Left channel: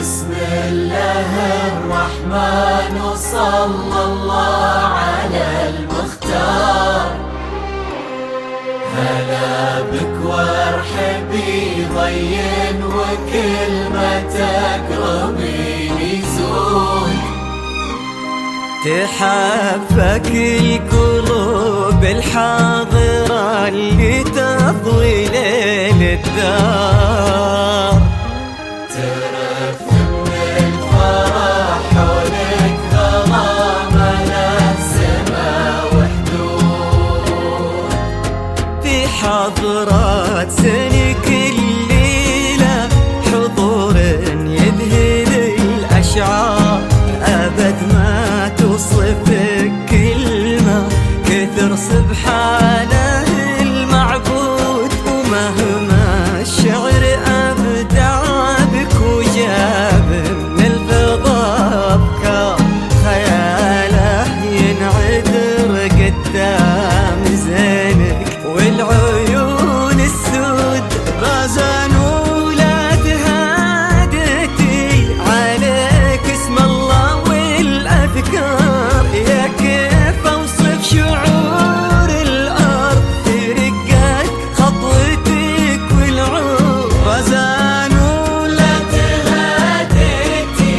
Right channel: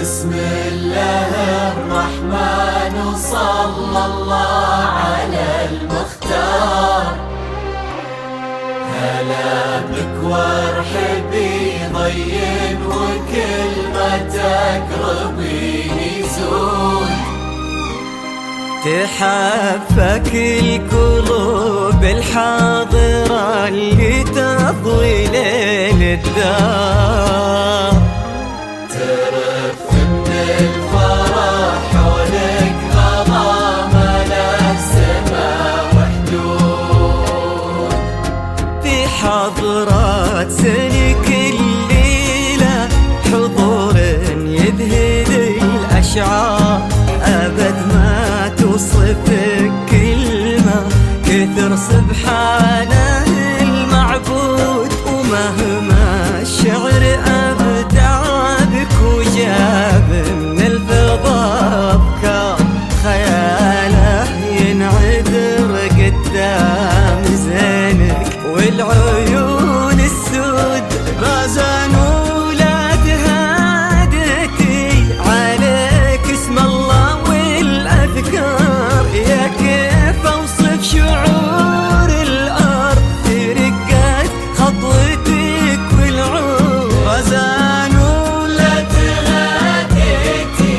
بسم الله الرحمن وصلى الله على المختار. هلا بك وارحبي ضين وكل ما تقربي يزول. تحفك القلوب الحاضرة اللي تضوي ليل الدار. حضرات سنك الليلة حضور يذهل الأشعار. أبد ما توصفك كلمة كثر سبحانه المعبود. ومهما الشعر أبدع بك وجاب من الفضاء أفكار، خياله ينعذر قدام زينك. والعيون السود بازان ولاد هادتي عليك اسم الله والأذكار. يا كيف أوصف شعور الأرض في رقات خطوتك والعود. بازان ولاد هادتي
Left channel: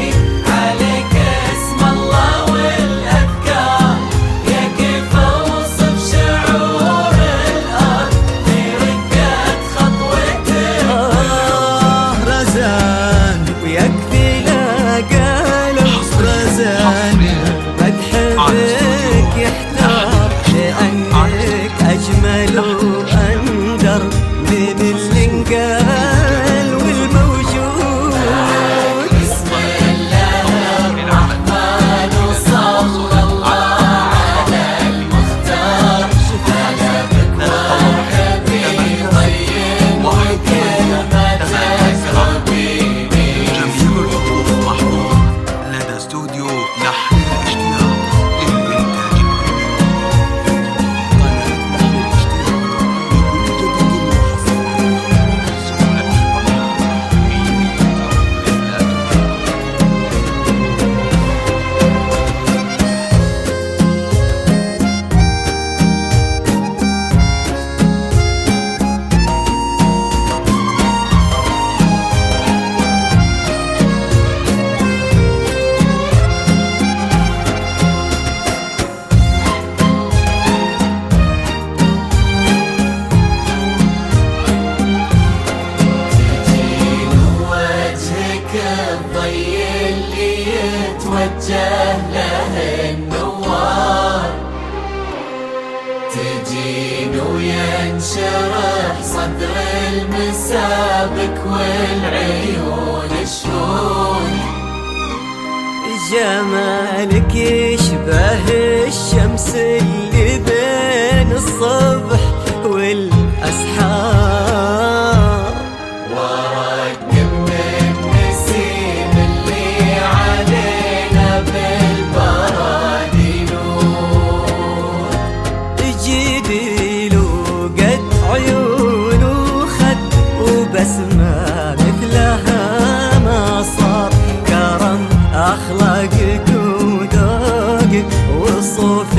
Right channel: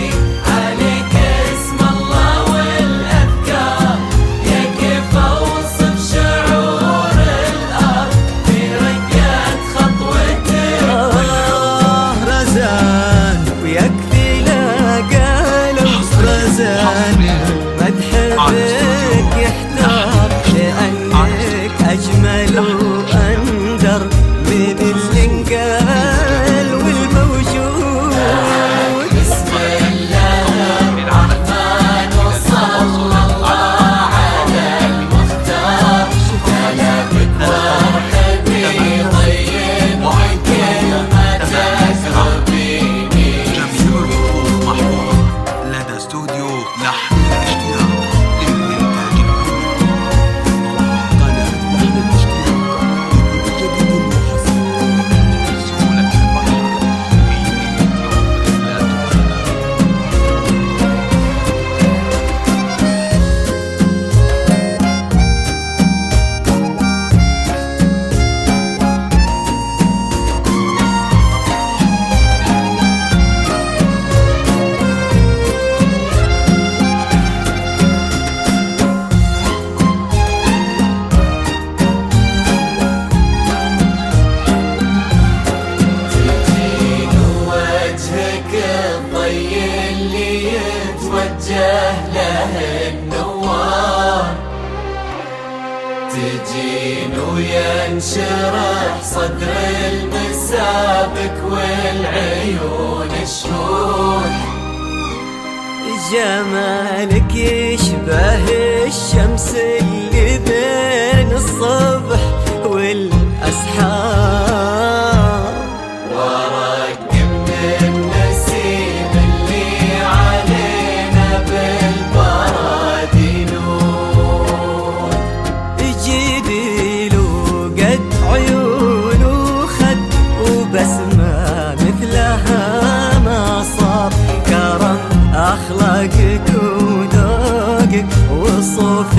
عليك اسم الله والأذكار. يا كيف أوصف شعور الأرض في رقات خطوتك. رزان ويكفي لا قالوا رزان مدح بك يحتار. لأنك أجمل وأندر من اللي انقال والموجود. جميع الحقوق محفوظة لدى استوديو لحن الاشتياق للإنتاج الفني. قناة لحن الاشتياق لكل جديد وحصري. سهولة البحر في عمر لا تفنى. تجين وينشرح صدر المسابك والعيون الشهود. جمالك يشبه الشمس اللي بين الصبح والأسحار. بسمة مثلها ما صار، كرم أخلاقك وذوقك وصوف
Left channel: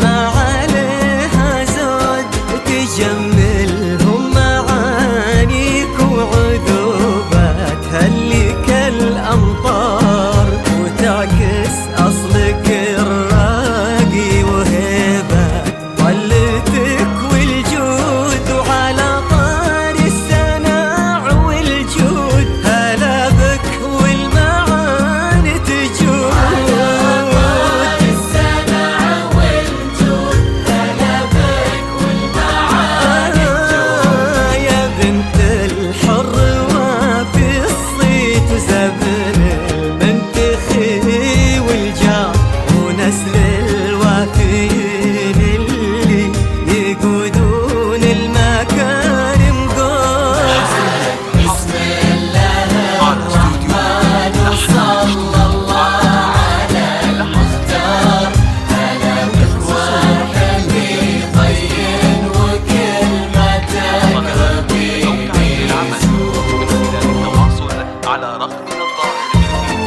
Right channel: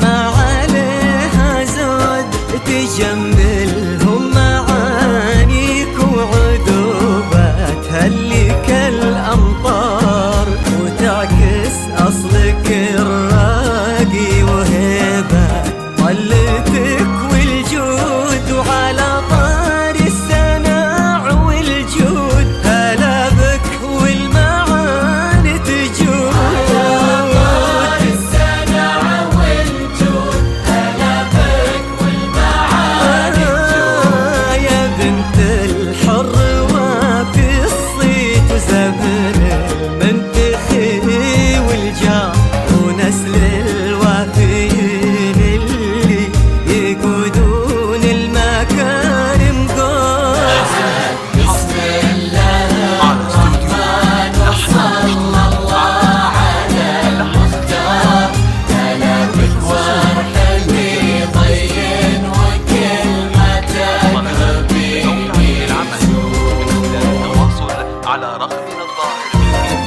ما عليها زود، تجملهم معانيك وعذوباتها اللي كالأمطار، وتعكس أصلك الراقي وهيبة طلتك والجود، وعلى طار السناع والجود هلا بك والمعاني تجود. يا بنت الحر وفي الصيت وزبن المنتخي والجار، ونسل الوافيين اللي يقودون المكارم قول. على استوديو لحن متخصصون في مجال أو تعديل العمل من خلال التواصل على رقمنا الظاهر بالفيديو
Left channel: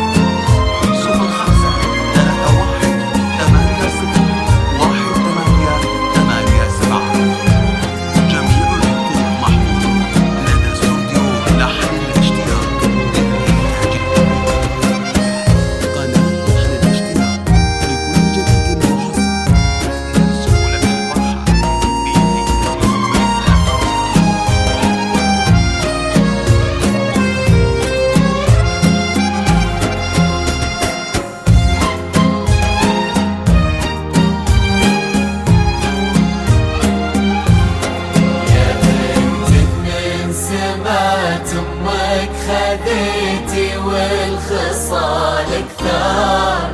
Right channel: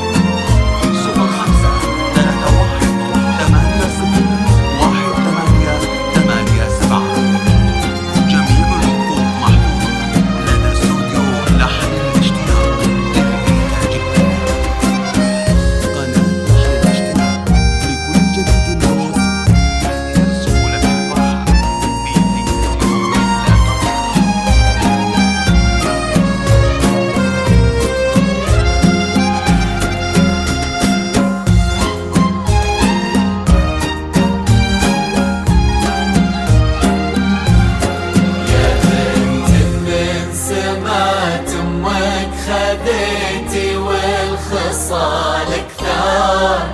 0531801887. جميع الحقوق محفوظة لدى استوديو لحن الاشتياق للإنتاج الفني. قناة لحن الاشتياق لكل جديد وحصري للسهولة الفرحة بليلة يوم لا خذيتي والخصال كثار،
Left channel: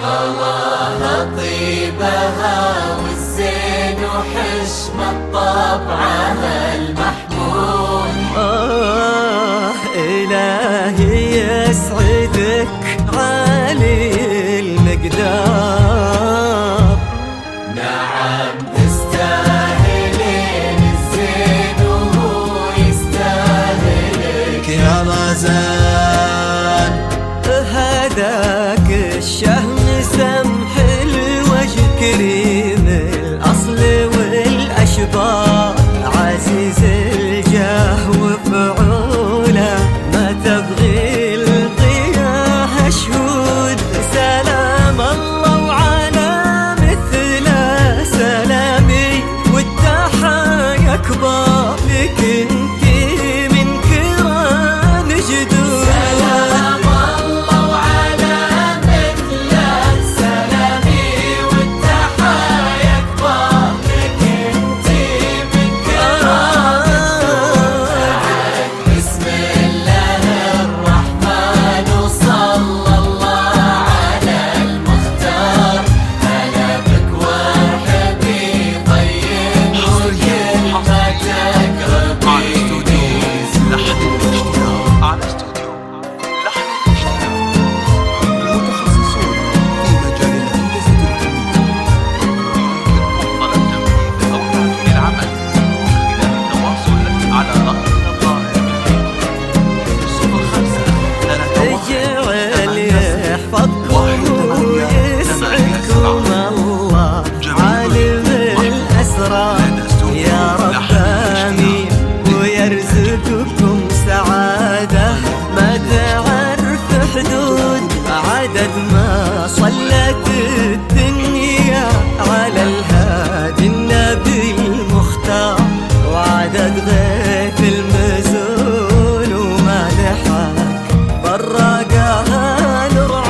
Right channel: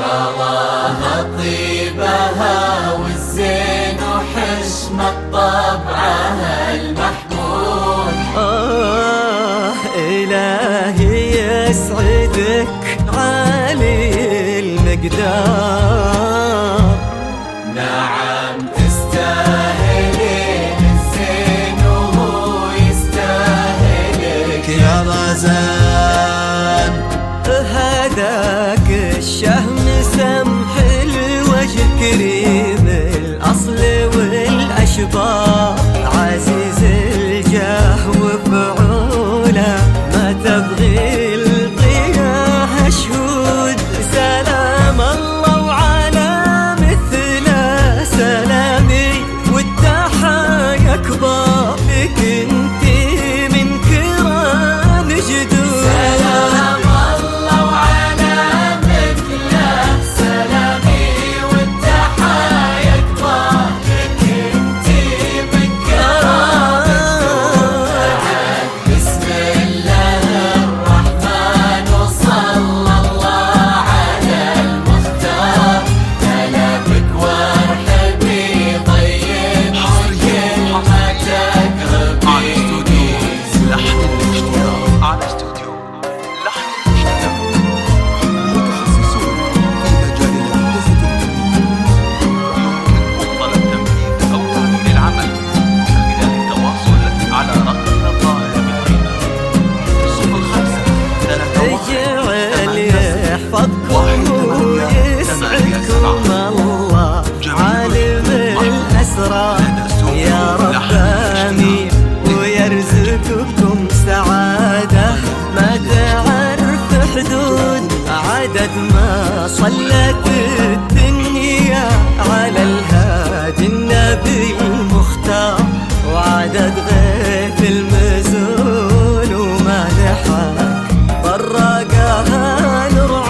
غلاها طيبها والزين وحشمة طبعها المحمود. إلهي يسعدك عالي المقدار، نعم تستاهلين الزين وهو يستاهلك يا رزان. هداك الشهم سمح الوجه كريم الأصل والأشبار، عزيز الجاه وفعوله ما تبغي القياه شهود. سلام الله وعلى مثله سلامي والتحايا كبار، لك انتي من كرام جدود. على استوديو لحن الاشتياق متخصصون في مجال الهندسة الفنية. يمكنكم طلب تنفيذ أو تعديل العمل من خلال التواصل على رقمنا الظاهر بالفيديو 0531 يحفظكم ويسعدكم الله عالم الأسرار، يا رب آمين ويرزقكم سعادة ما تعرف حدود، عدد ما صلت الدنيا على الهادي النبي المختار، وعدد غيث المزون وما لحق براقها نور